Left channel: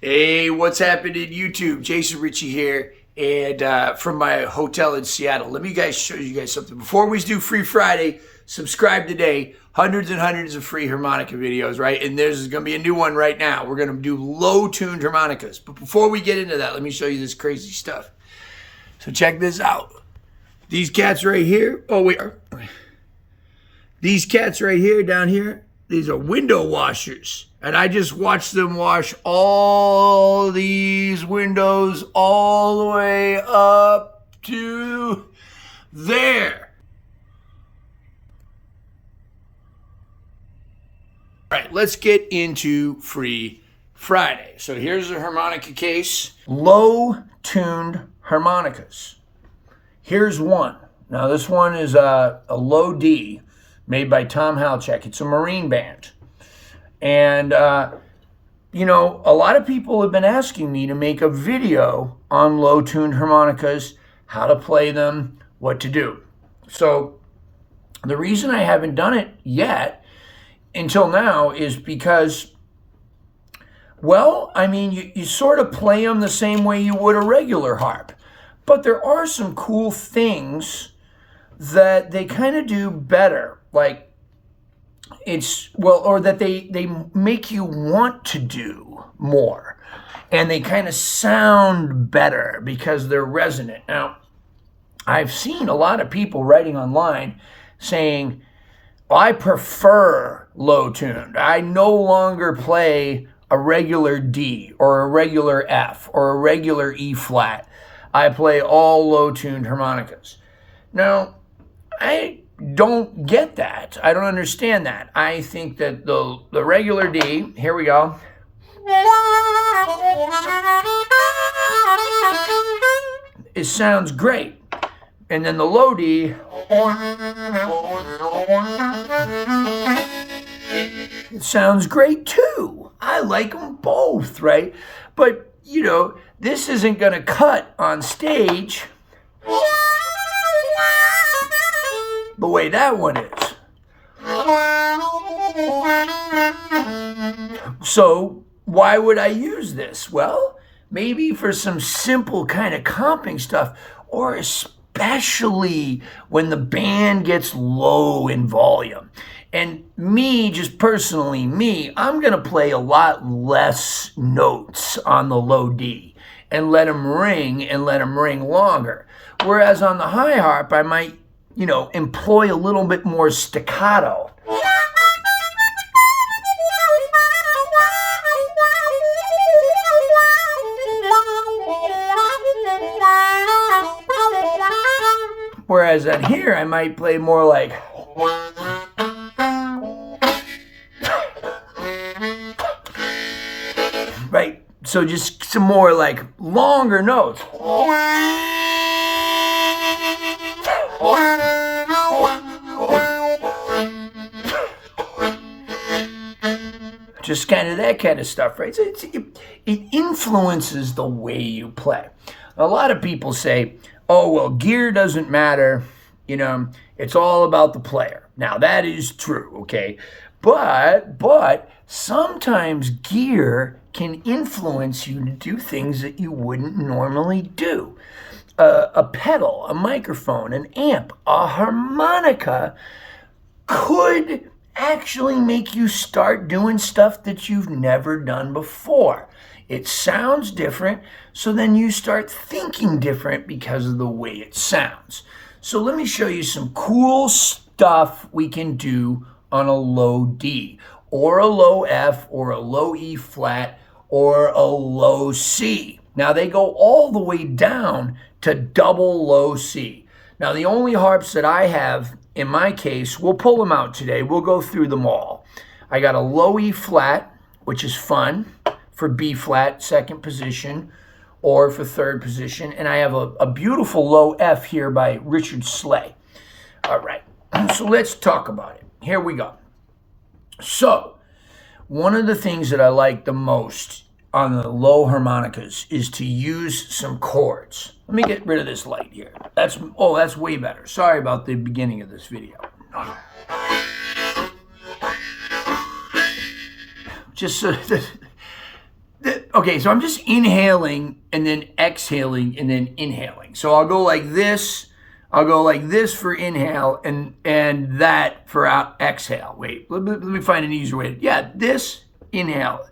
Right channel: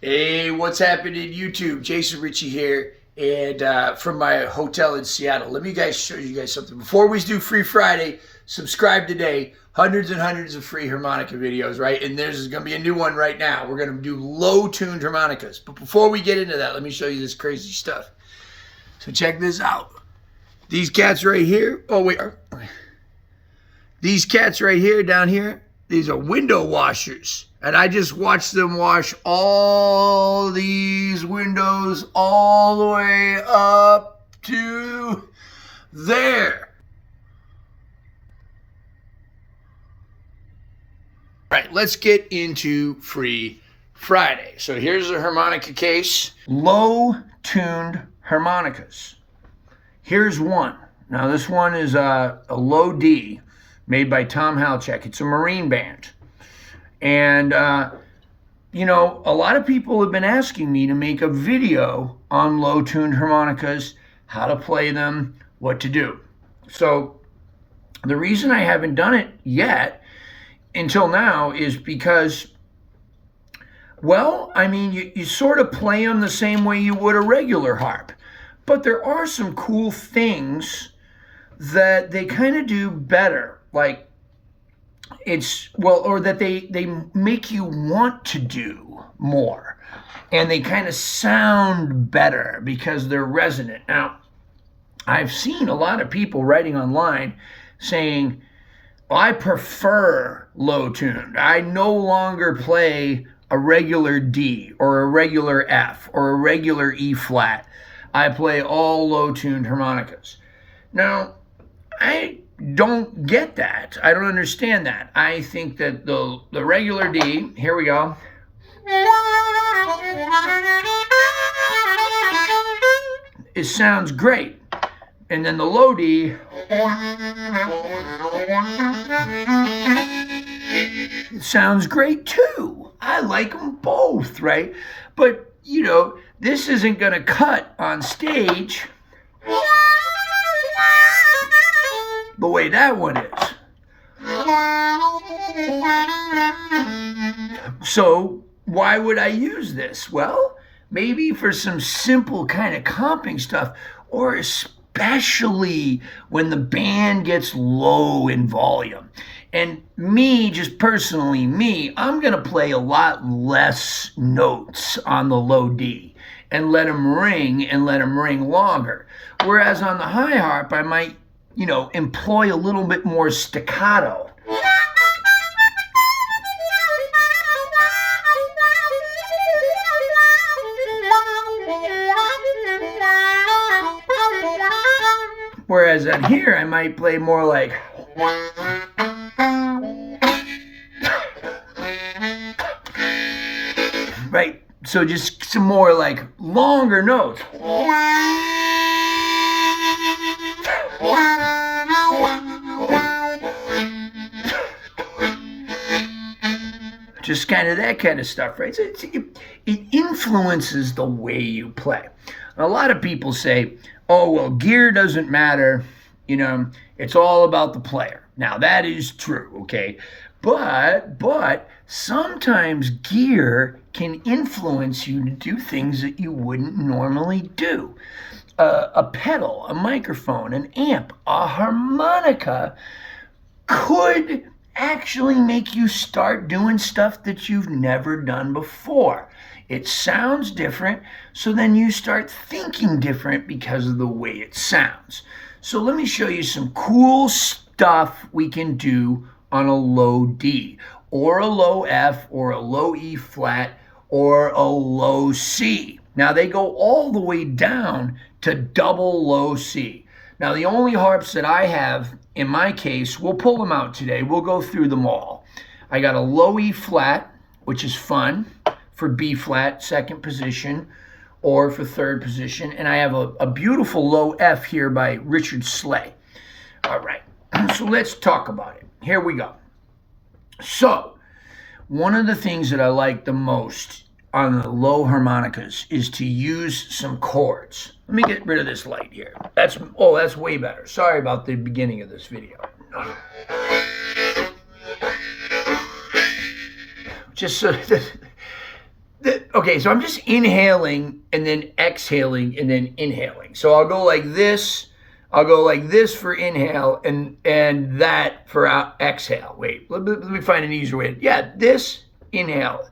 Hey, what's happening YouTube? Jason Ricci here, and from my hotel in Seattle. Let me show you guys something. Before we do Free Friday, subscribe today. Hundreds and hundreds of free harmonica videos, right? And there's going to be a new one right now. We're going to do low-tuned harmonicas. But before we get into that, let me show you this crazy stuff. So check this out. These cats right here. Oh, wait. These cats right here, down here, these are window washers. And I just watched them wash all these windows all the way up to there. All right, let's get into Free Friday. So here's the harmonica case. Low-tuned harmonicas. Here's one. Now this one is a low D made by Tom Halchek. It's a Marine band. And, you know, a lot of people have been asking me to make a video on low-tuned harmonicas, how to play them, what to do. So the reason I haven't done it yet until now is because, well, I mean, you sort of play them the same way you would a regular harp. But there are some cool things that they kind of do better, like or that they make you want to do more, and they kind of sound better because they're resonant. Now, I've seen a lot of people writing online saying, I prefer low tuned. I no longer play a regular D or a regular F or a regular E flat. I play all low tuned harmonicas. Now, I don't get that. I don't understand that. I think that the regular D, here we go. It sounds great. And then the low D, it sounds great too. I like them both, right? But, you know, this isn't going to cut on stage the way that one is. So why would I use this? Well, maybe for some simple kind of comping stuff, or especially when the band gets low in volume. And me, just personally, I'm going to play a lot less notes on the low D and let them ring longer. Whereas on the high harp, I might, you know, employ a little bit more staccato. Whereas on here, I might play more like, right? So just some more like longer notes. Just kind of that kind of stuff, right? So it influences the way you play. A lot of people say, oh, well, gear doesn't matter. You know, it's all about the player. Now, that is true, okay? But sometimes gear can influence you to do things that you wouldn't normally do. A pedal, a microphone, an amp, a harmonica could actually make you start doing stuff that you've never done before. It sounds different, so then you start thinking different because of the way it sounds. So let me show you some cool stuff we can do on a low D, or a low F, or a low E flat, or a low C. Now they go all the way down to double low C. Now the only harps that I have in my case, we'll pull them out today. We'll go through them all. I got a low E flat, which is fun for B flat, second position, or for third position. And I have a beautiful low F here by Richard Slay. All right, so let's talk about it. Here we go. So one of the things that I like the most on the low harmonicas is to use some chords. Let me get rid of this light here. That's way better. Sorry about the beginning of this video. Just so Okay, so I'm just inhaling and then exhaling and then inhaling. So I'll go like this. I'll go like this for inhale and that for exhale. Wait, let me find an easier way. Yeah, this, inhale.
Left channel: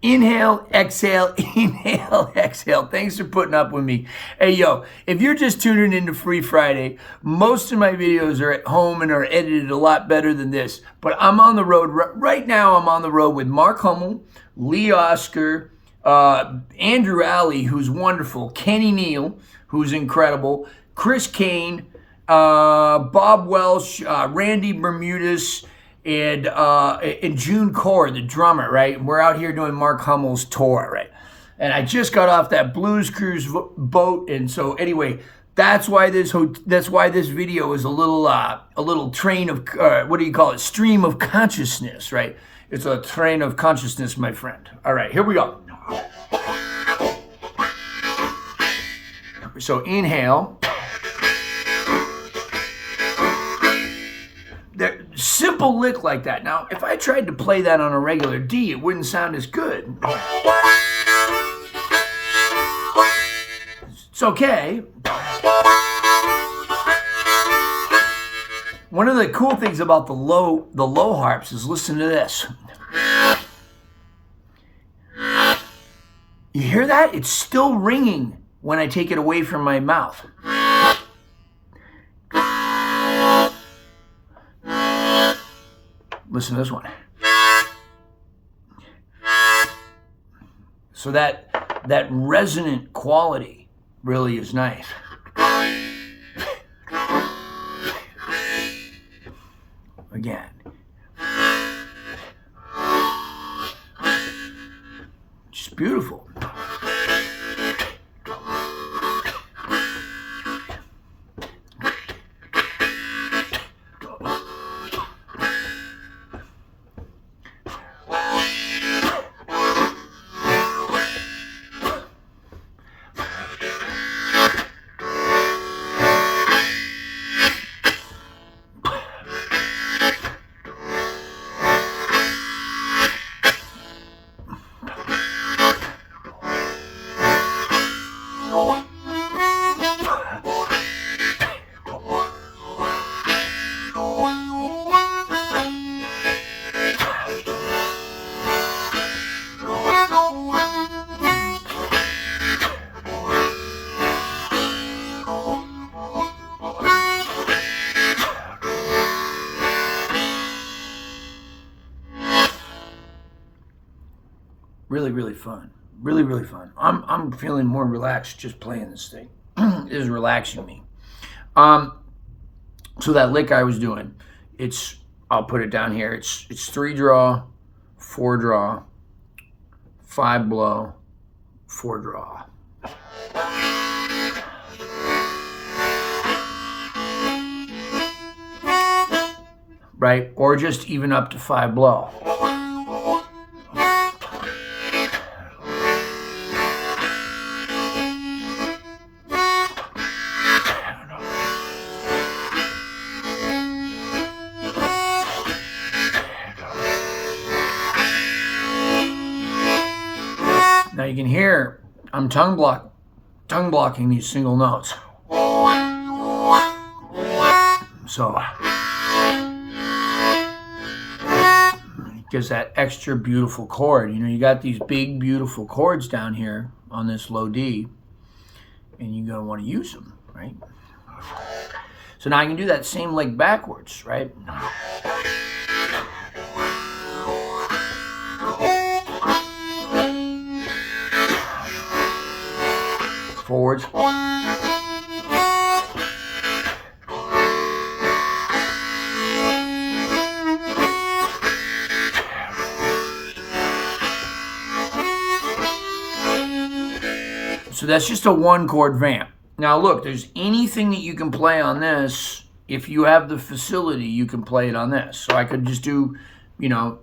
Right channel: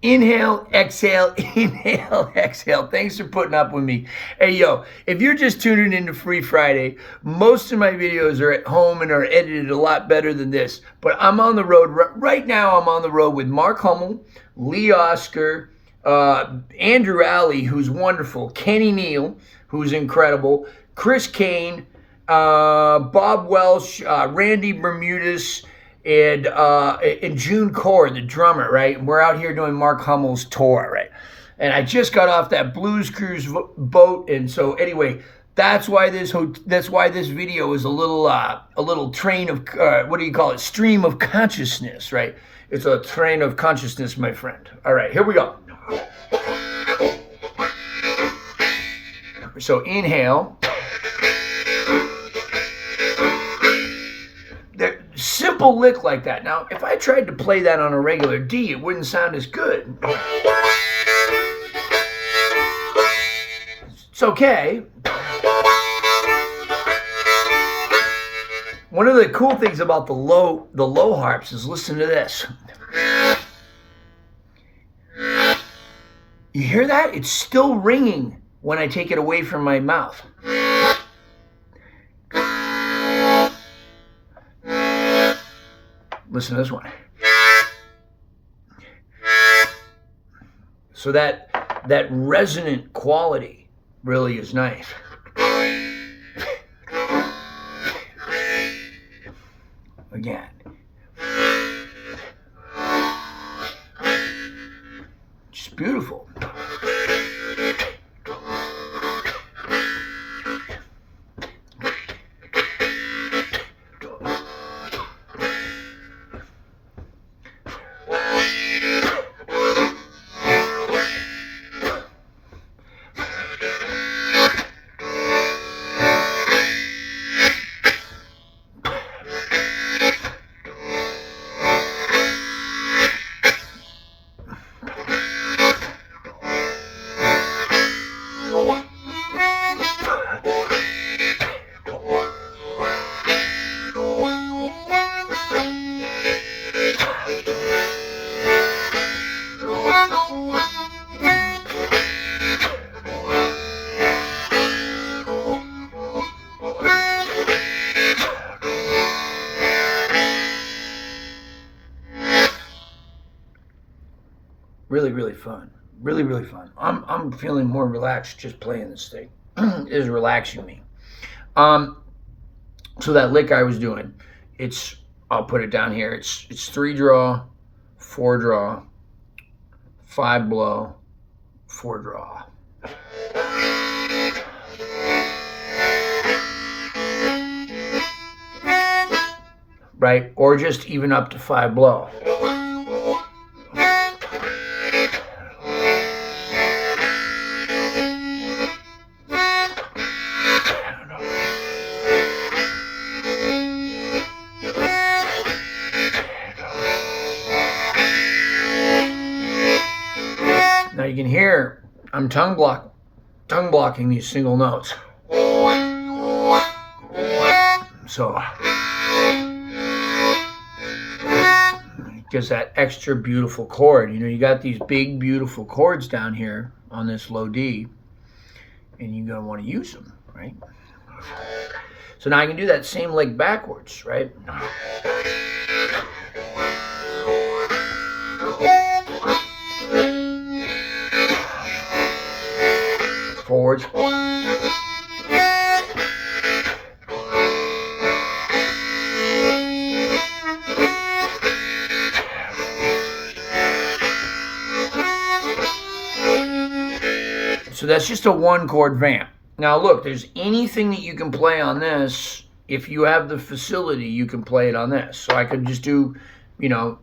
Inhale, exhale, inhale, exhale. Thanks for putting up with me. Hey, yo, if you're just tuning into Free Friday, most of my videos are at home and are edited a lot better than this. But I'm on the road. Right now, I'm on the road with Mark Hummel, Lee Oscar, Andrew Alley, who's wonderful, Kenny Neal, who's incredible, Chris Kane, Bob Welsh, Randy Bermudez, and June Core, the drummer, right? And we're out here doing Mark Hummel's tour, right? And I just got off that Blues Cruise boat, and so anyway, that's why this video is a little train of what do you call it? Stream of consciousness, right? It's a train of consciousness, my friend. All right, here we go. So inhale. Simple lick like that. Now, if I tried to play that on a regular D, it wouldn't sound as good. It's okay. One of the cool things about the low harps is listen to this. You hear that? It's still ringing when I take it away from my mouth. Listen to this one. So that resonant quality really is nice. Again. Just beautiful. Really, really fun. Really, really fun. I'm feeling more relaxed just playing this thing. It is relaxing me. So that lick I was doing, I'll put it down here. It's 3 draw, 4 draw, 5 blow, 4 draw. Right? Or just even up to 5 blow. Now you can hear I'm tongue blocking these single notes. So it gives that extra beautiful chord. You know, you got these big beautiful chords down here on this low D, and you're gonna want to use them, right? So now I can do that same lick backwards, right? Forwards. So that's just a 1-chord vamp. Now look, there's anything that you can play on this. If you have the facility, you can play it on this. So I could just do, you know,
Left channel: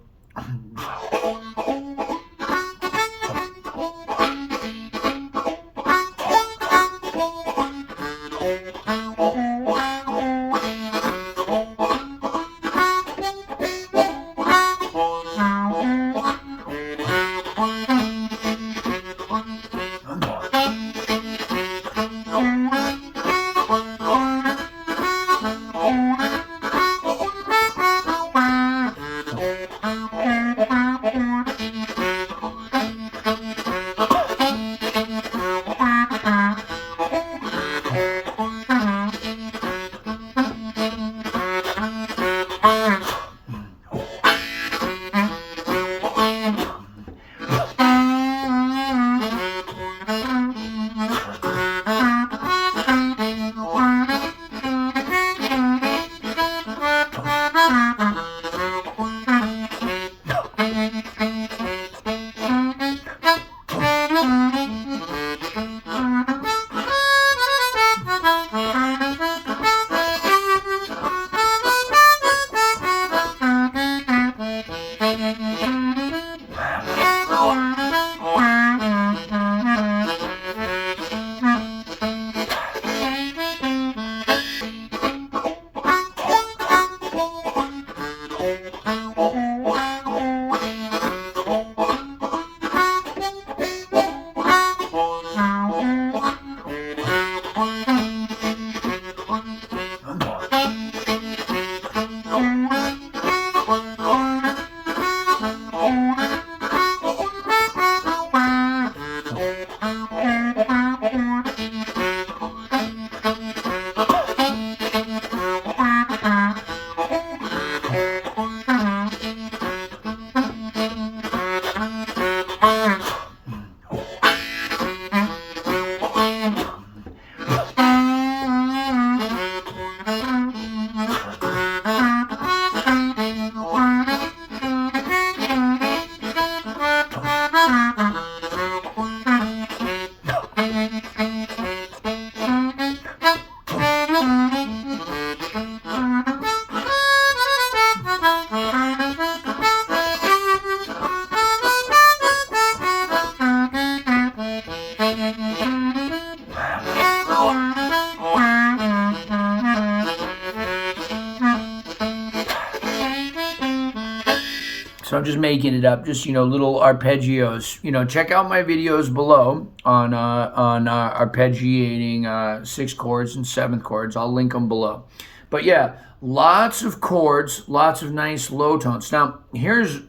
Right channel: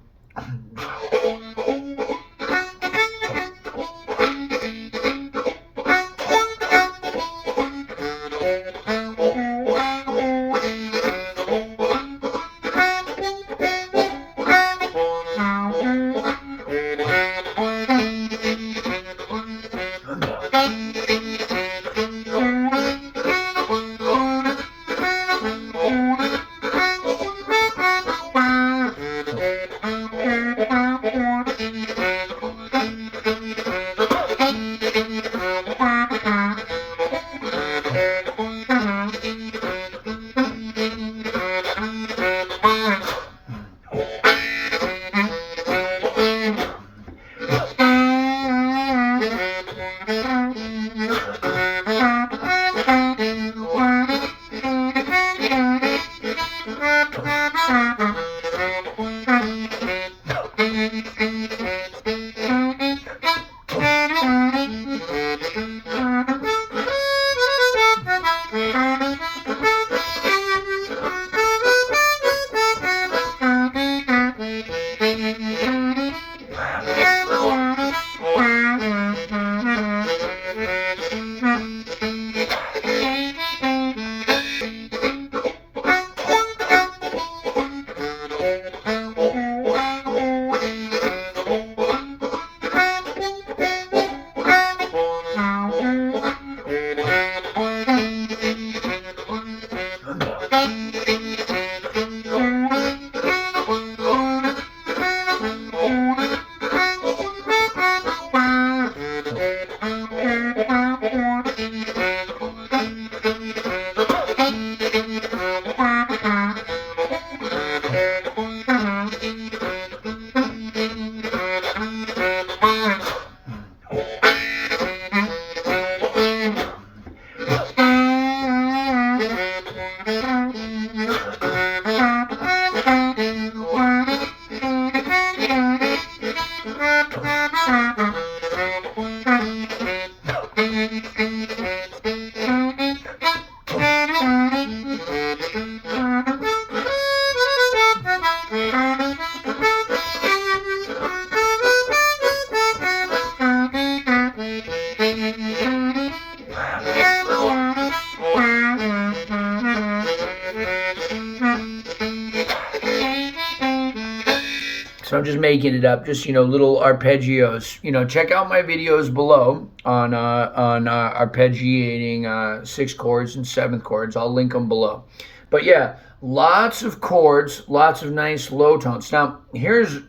So I'm just making it up, just, little arpeggios. Check out my videos below on arpeggiating 6th chords and 7th chords. I'll link them below. But yeah, lots of chords, lots of nice low tones. Now, here's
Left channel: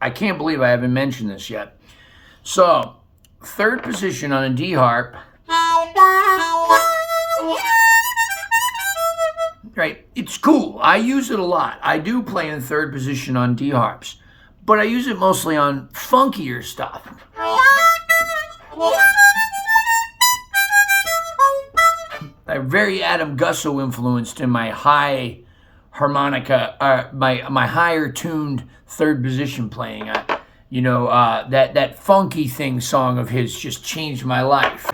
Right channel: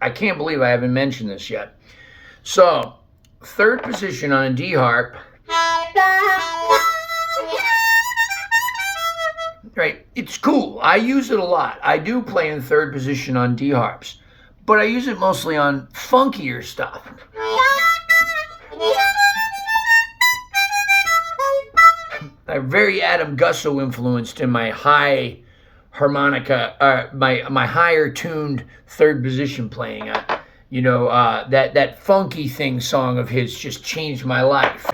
I can't believe I haven't mentioned this yet. So, 3rd position on a D harp. Right, it's cool. I use it a lot. I do play in 3rd position on D harps, but I use it mostly on funkier stuff. I'm very Adam Gusso influenced in my high harmonica, my higher tuned 3rd position playing. That funky thing song of his just changed my life.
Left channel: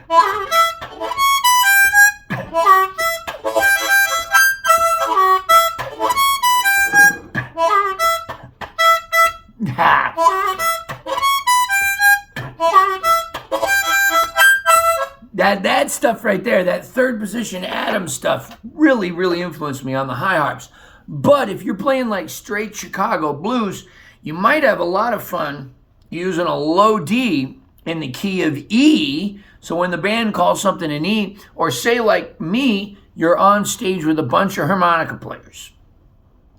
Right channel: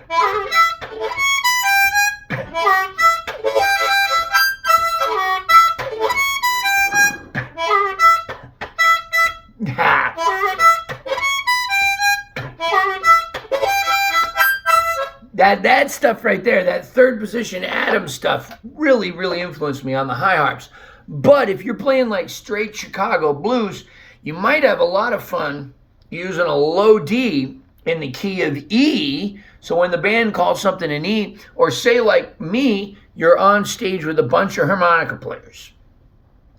That stuff right there, that 3rd position Adam stuff, really, really influenced me on the high harps. But if you're playing like straight Chicago blues, you might have a lot of fun using a low D in the key of E. So when the band calls something an E, or say like me, you're on stage with a bunch of harmonica players,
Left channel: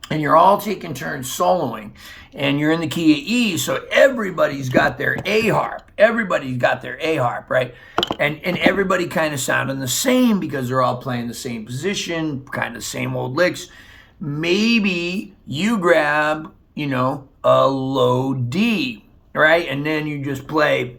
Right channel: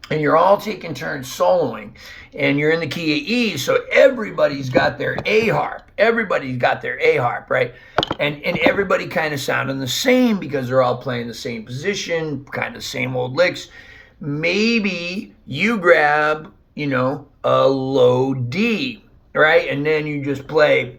and you're all taking turns soloing, and you're in the key of E, so everybody's got their A harp. Everybody's got their A harp, right? And everybody kind of sounding the same because they're all playing the same position, kind of same old licks. Maybe you grab, a low D, right? And then you just play.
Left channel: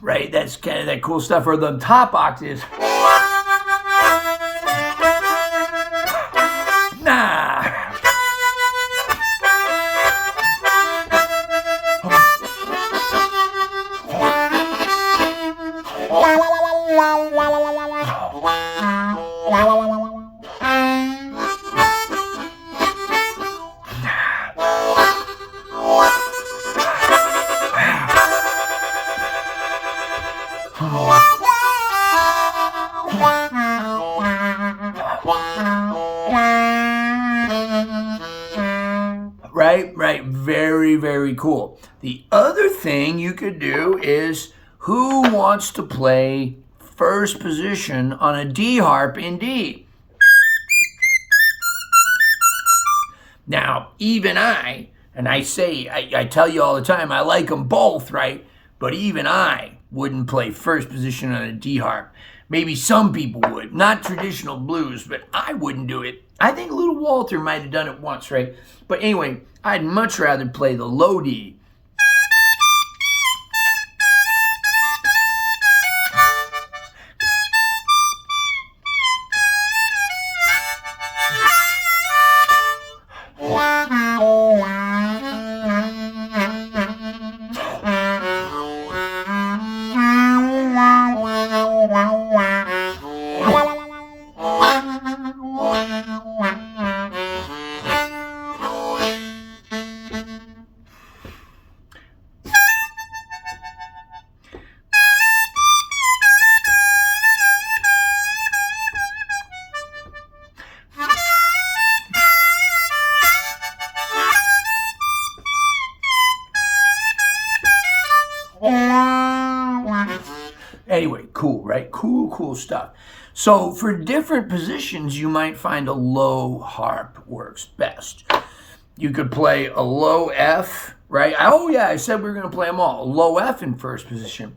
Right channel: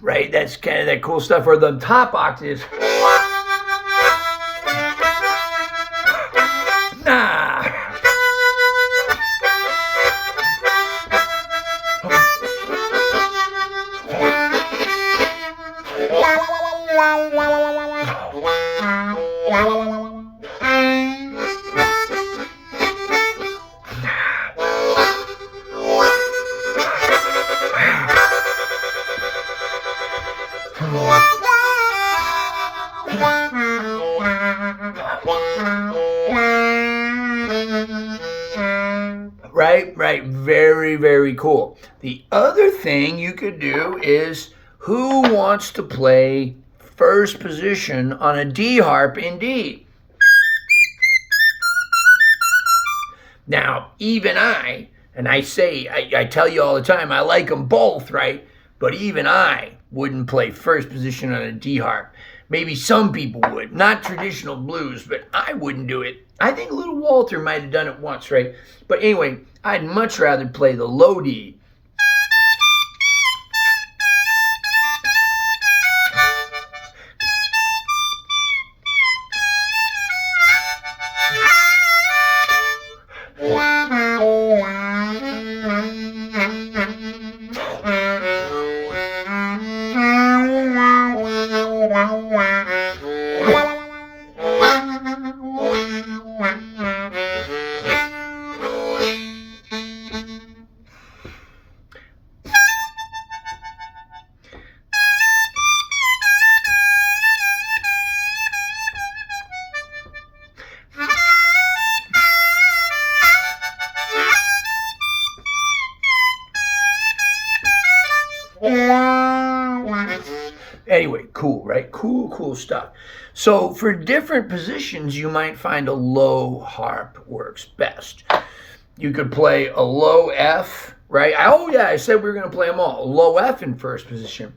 Right, that's kind of that cool stuff. Or the top octaves. Nah. Right. Very, very cool. The other thing you could do is, who wants to play 1st position on a D harp in D? Now, even I tell you all the time, I like them both, right? but even I wouldn't play first position on a D harp. Maybe some people would, not traditional blues, but I wouldn't do it. I think Little Walter might have done it once, right? But anyway, I'd much rather play the low D. Anyway, cool, right? Cool stuff. So for different positions, you might find a low harp works best. You could play a low F, right? Oh yeah, I said we were going to play them all. A low F in first position.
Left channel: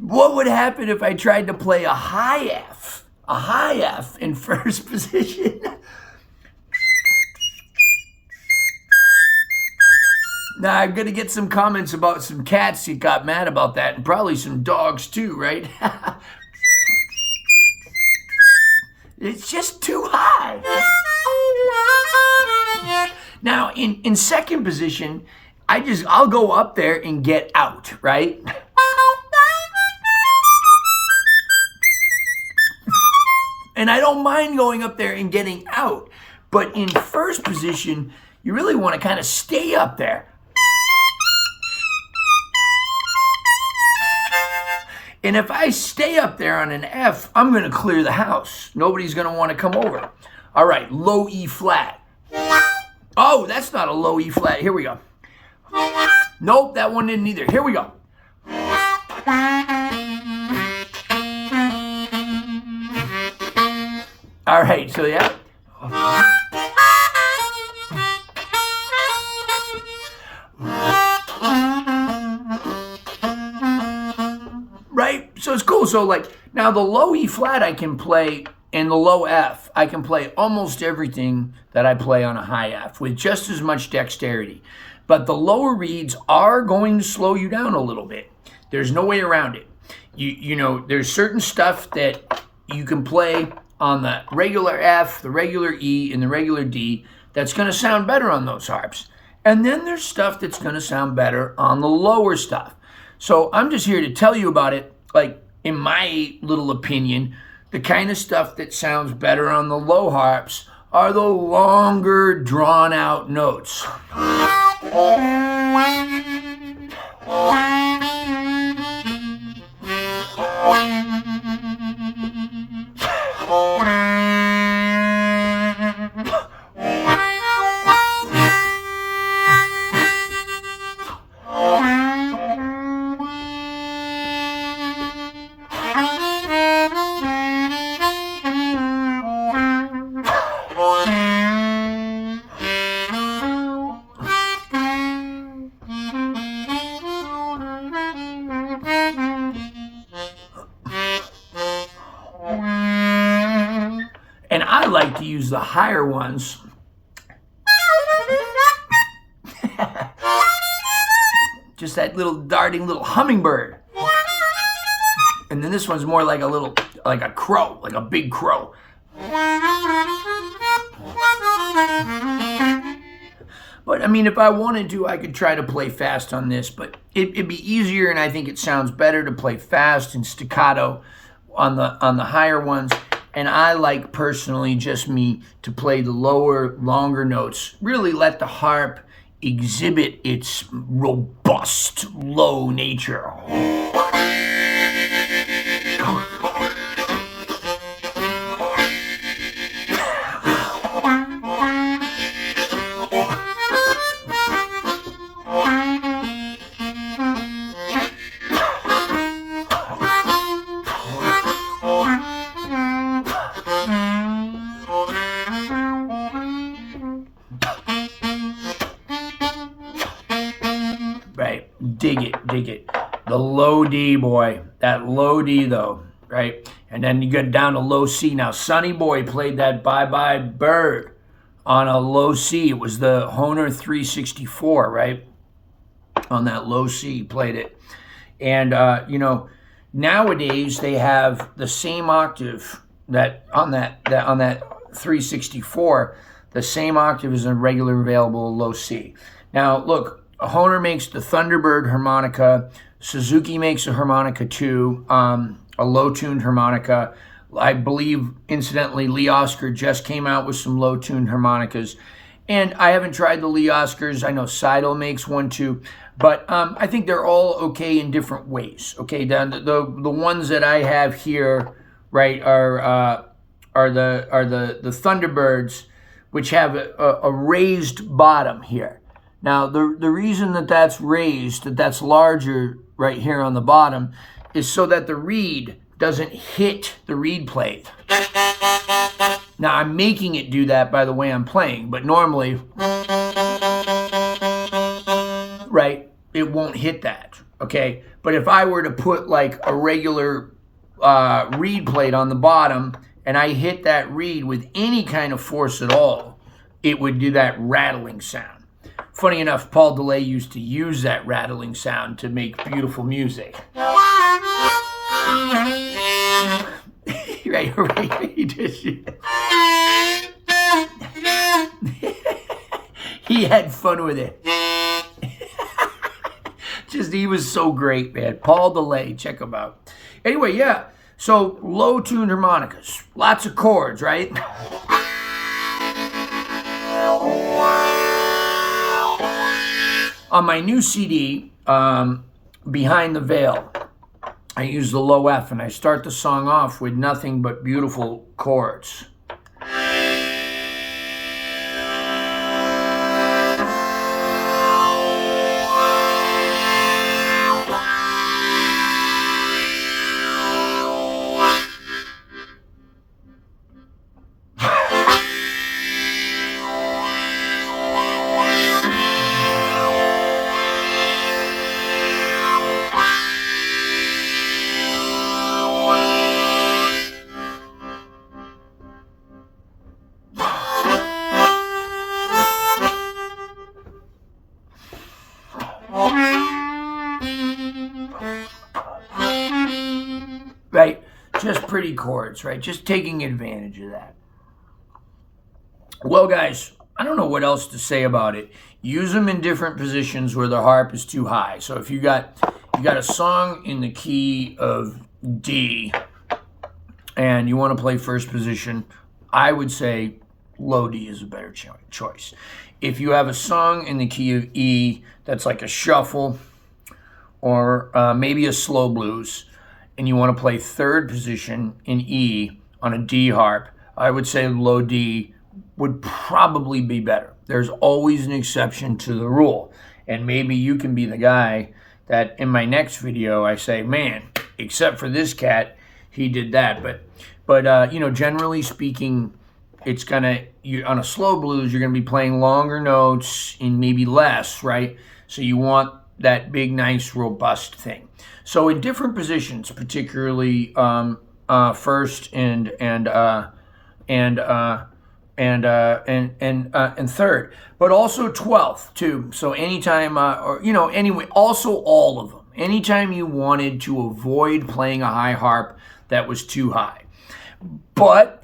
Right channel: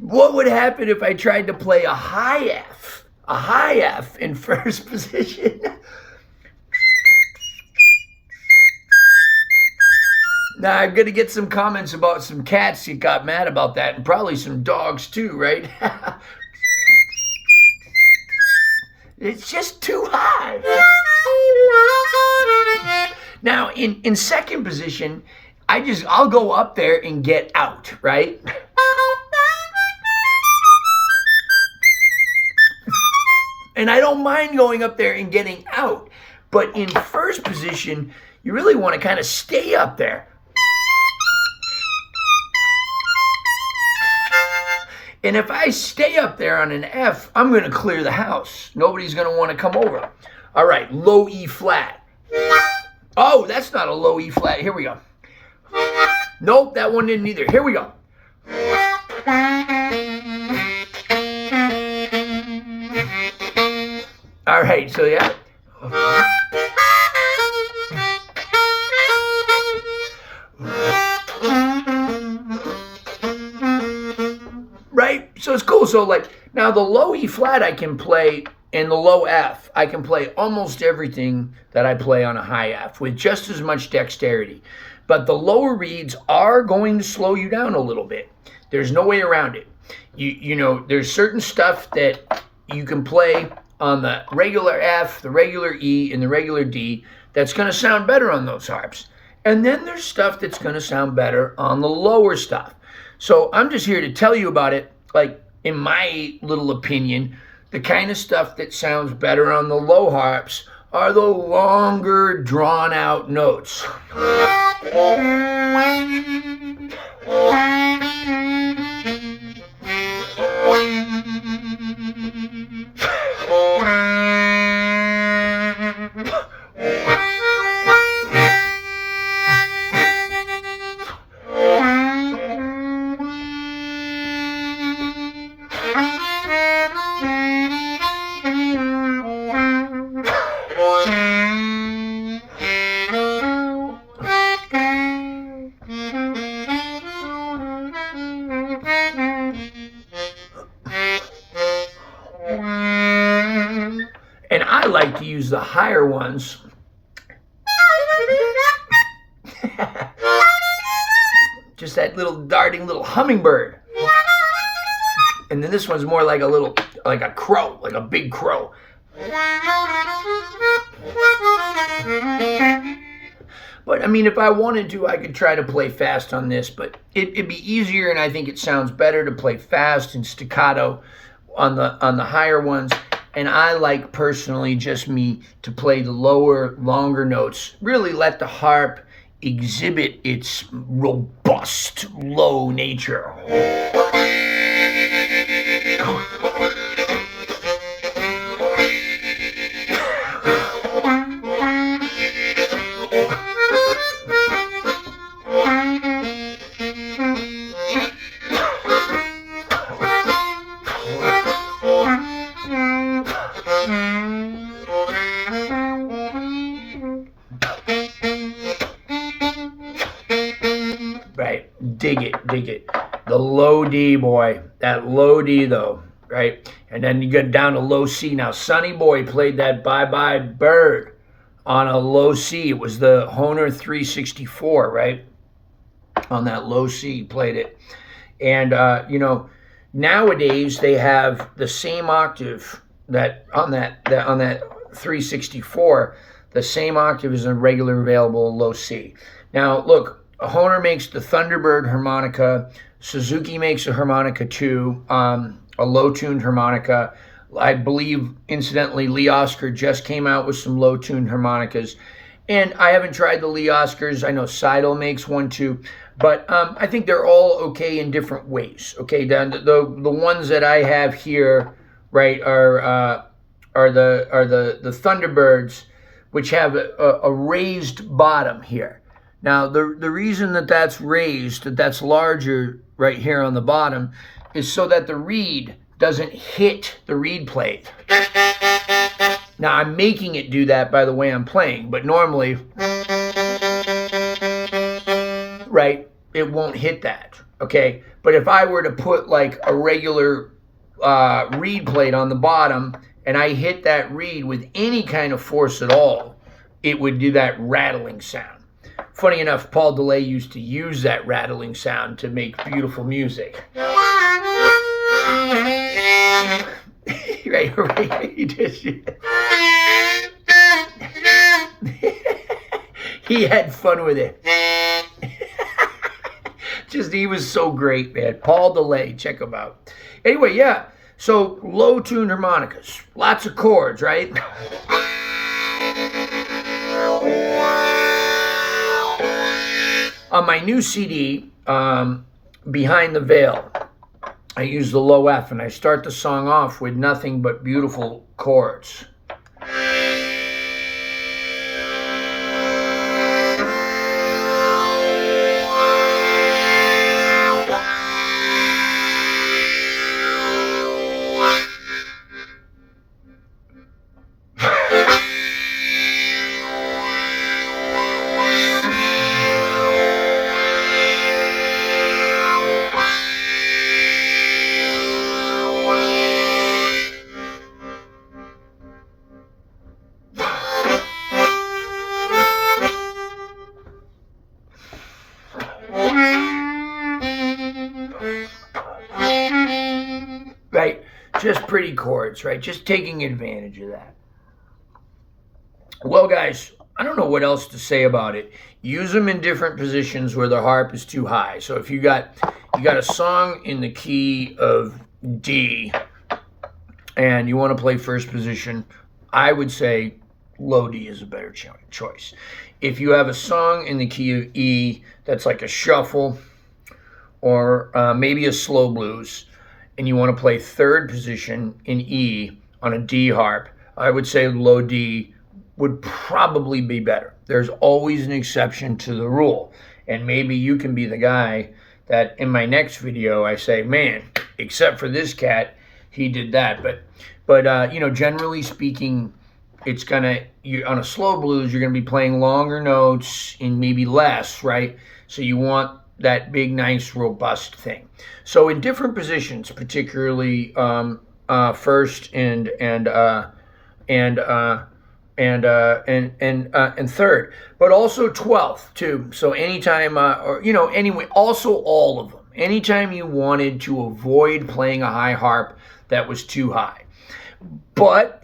What would happen if I tried to play a high F in first position? Now, I'm going to get some comments about some cats that got mad about that, and probably some dogs too, right? It's just too high. Now, in second position, I'll go up there and get out, right? And I don't mind going up there and getting out. But in first position, you really want to kind of stay up there. And if I stay up there on an F, I'm going to clear the house. Nobody's going to want to come over. All right, low E flat. Oh, that's not a low E flat. Here we go. Nope, that one didn't either. Here we go. All right, so yeah. Right? So it's cool. So like now the low E flat I can play, and the low F, I can play almost everything that I play on a high F with just as much dexterity. But the lower reeds are going to slow you down a little bit. There's no way around it. You know, there's certain stuff that you can play on the regular F, the regular E, and the regular D that's going to sound better on those harps. And then there's stuff that's going to sound better on the lower stuff. So I'm just here to tell you about it, like in my little opinion, the kind of stuff that sounds better on the low harps are the longer, drawn-out notes. And I like to use the higher ones. Just that little darting little hummingbird. And then this one's more like a crow, like a big crow. But I mean, if I wanted to, I could try to play fast on this, but it'd be easier, and I think it sounds better to play fast and staccato on the higher ones. And I like, personally, just me, to play the lower, longer notes. Really let the harp exhibit its robust, low nature. D, boy. That low D, though, right? And then you get down to low C. Now, Sonny Boy played that Bye Bye Bird on a low C. It was the Hohner 364, right? On that low C, he played it. And, you know, nowadays they have the same octave that on that 364, the same octave as a regular available low C. Now, look, Hohner makes the Thunderbird harmonica. Suzuki makes a harmonica too, a low-tuned harmonica. I believe, incidentally, Lee Oskar just came out with some low-tuned harmonicas. And I haven't tried the Lee Oskars. I know Seidel makes one too. But I think they're all okay in different ways. Okay, the ones that I have here, right, are the Thunderbirds, which have a raised bottom here. Now, the reason that that's raised, that's larger right here on the bottom, is so that the reed doesn't hit the reed plate. Now, I'm making it do that by the way I'm playing, but normally, right, it won't hit that, okay? But if I were to put like a regular reed plate on the bottom and I hit that reed with any kind of force at all, it would do that rattling sound. Funny enough, Paul DeLay used to use that rattling sound to make beautiful music. Right. He just, he had fun with it. He was so great, man. Paul DeLay, check him out. Anyway, yeah. So low-tuned harmonicas, lots of chords, right? On my new CD, Behind the Veil, I use the low F, and I start the song off with nothing but beautiful chords. Right, just pretty chords, right? Just taking advantage of that. Well, guys, I don't know what else to say about it. Use them in different positions where the harp is too high. So if you got a song in the key of D and you want to play first position, I would say low D is a better choice. If you have a song in the key of E that's like a shuffle or maybe a slow blues, and you want to play third position in E on a D harp, I would say low D would probably be better. There's always an exception to the rule. And maybe you can be the guy that in my next video I say, man, except for this cat, he did that. But you know, generally speaking, it's gonna, on a slow blues, you're gonna be playing longer notes in maybe less, right? So you want that big, nice, robust thing. So in different positions, particularly first and third, but also 12th too. So anytime, or you know, anyway, also all of them. Anytime you wanted to avoid playing a high harp that was too high, but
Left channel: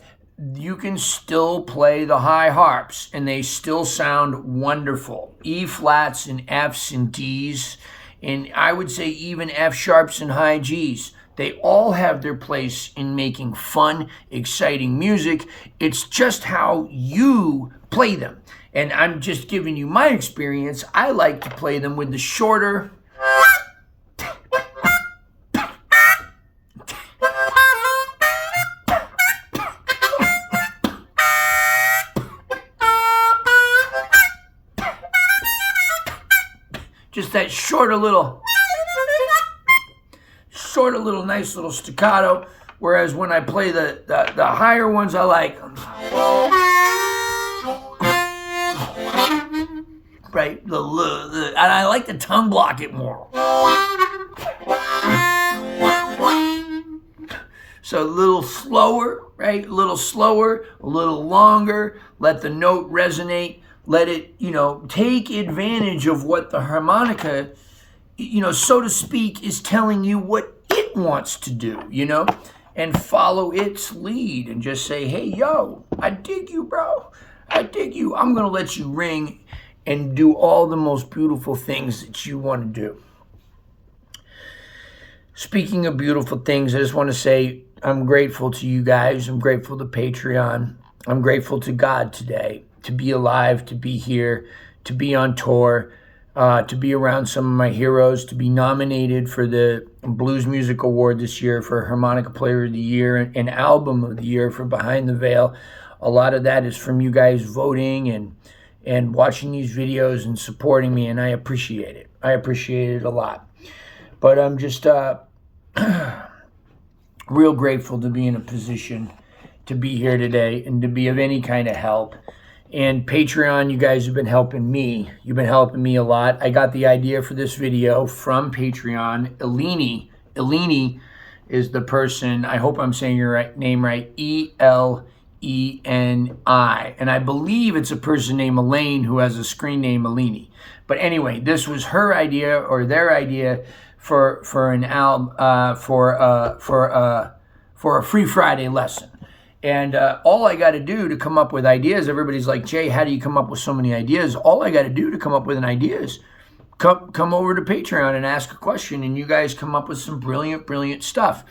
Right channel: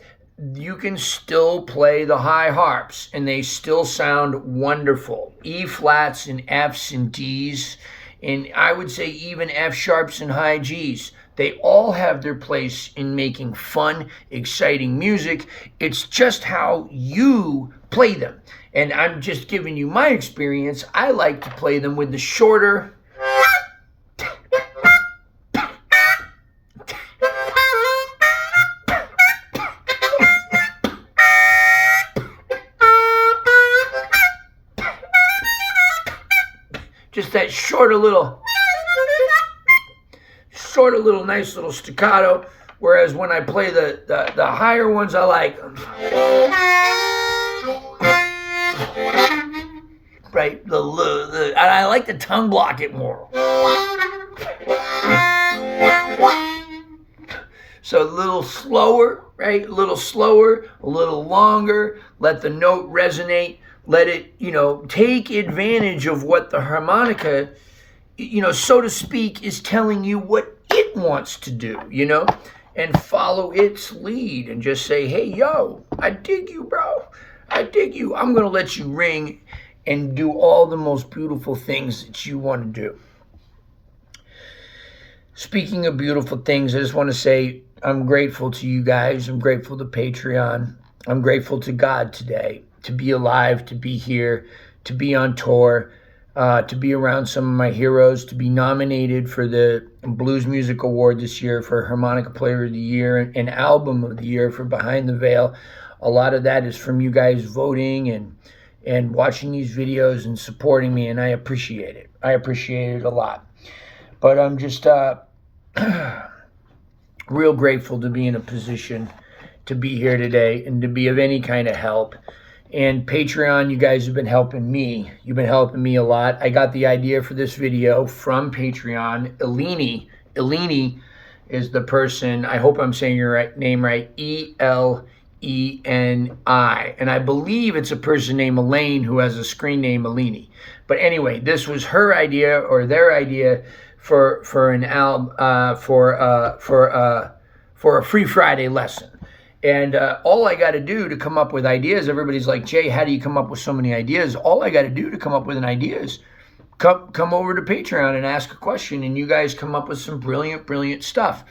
you can still play the high harps and they still sound wonderful. E flats and Fs and Ds, and I would say even F sharps and high Gs. They all have their place in making fun, exciting music. It's just how you play them. And I'm just giving you my experience. I like to play them with the shorter, just that shorter little nice little staccato, whereas when I play the higher ones, I like, right, and I like to tongue block it more. So a little slower, right? A little slower, a little longer. Let the note resonate. Let it, take advantage of what the harmonica, so to speak, is telling you what it wants to do, and follow its lead and just say, hey, yo, I dig you, bro. I dig you. I'm going to let you ring and do all the most beautiful things that you want to do. Speaking of beautiful things, I just want to say I'm grateful to you guys. I'm grateful to Patreon. I'm grateful to God today to be alive, to be here, to be on tour, to be around some of my heroes, to be nominated for the Blues Music Award this year for Harmonica Player of the Year and Album of the Year for Behind the Veil. A lot of that is from you guys voting and watching these videos and supporting me, and I appreciate it. I appreciate it a lot. But I'm just real grateful to be in a position to be here today and to be of any kind of help. And Patreon, you guys have been helping me. You've been helping me a lot. I got the idea for this video from Patreon. Eleni is the person, I hope I'm saying your name right, Eleni. And I believe it's a person named Elaine who has a screen name Eleni. But anyway, this was her idea or their idea for an album for a Free Friday lesson. And all I got to do to come up with ideas, everybody's like, Jay, how do you come up with so many ideas? All I got to do to come up with an idea is come over to Patreon and ask a question, and you guys come up with some brilliant stuff.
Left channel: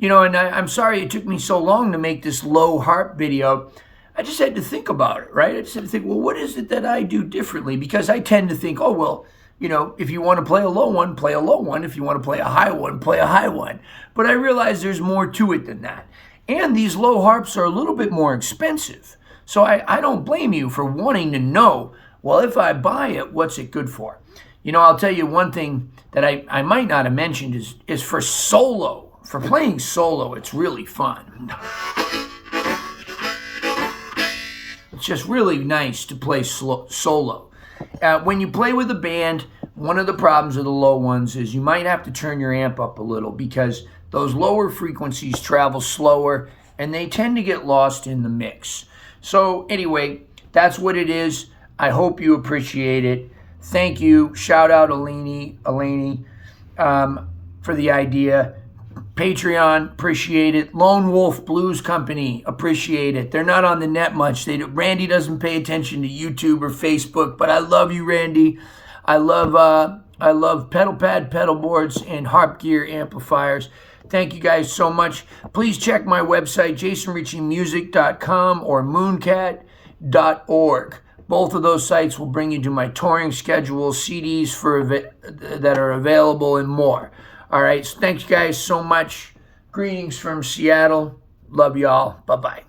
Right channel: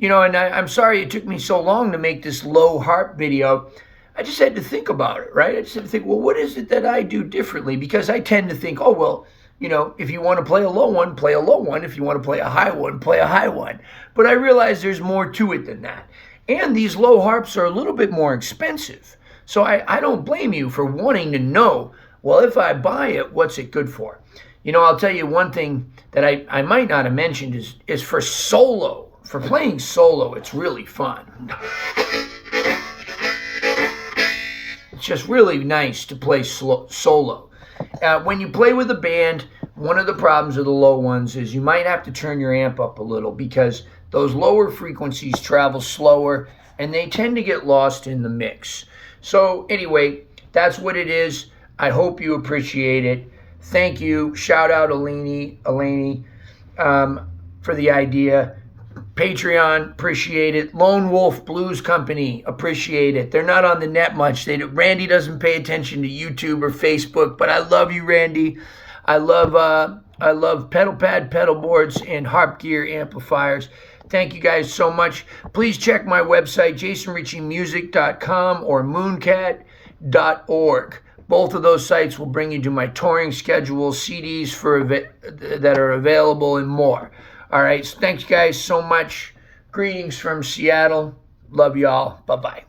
And I'm sorry it took me so long to make this low harp video. I just had to think about it, right? I just had to think, well, what is it that I do differently? Because I tend to think, oh, well, if you want to play a low one, play a low one. If you want to play a high one, play a high one. But I realize there's more to it than that. And these low harps are a little bit more expensive. So I don't blame you for wanting to know, well, if I buy it, what's it good for? I'll tell you one thing that I might not have mentioned is for solo. For playing solo, it's really fun. It's just really nice to play solo. When you play with a band, one of the problems with the low ones is you might have to turn your amp up a little because those lower frequencies travel slower and they tend to get lost in the mix. So anyway, that's what it is. I hope you appreciate it. Thank you. Shout out Eleni for the idea. Patreon, appreciate it. Lone Wolf Blues Company, appreciate it. They're not on the net much. Randy doesn't pay attention to YouTube or Facebook, but I love you, Randy. I love pedal pad, pedal boards, and harp gear amplifiers. Thank you guys so much. Please check my website, jasonriccimusic.com or mooncat.org. Both of those sites will bring you to my touring schedule, CDs that are available, and more. All right, so thanks guys so much. Greetings from Seattle. Love y'all. Bye-bye.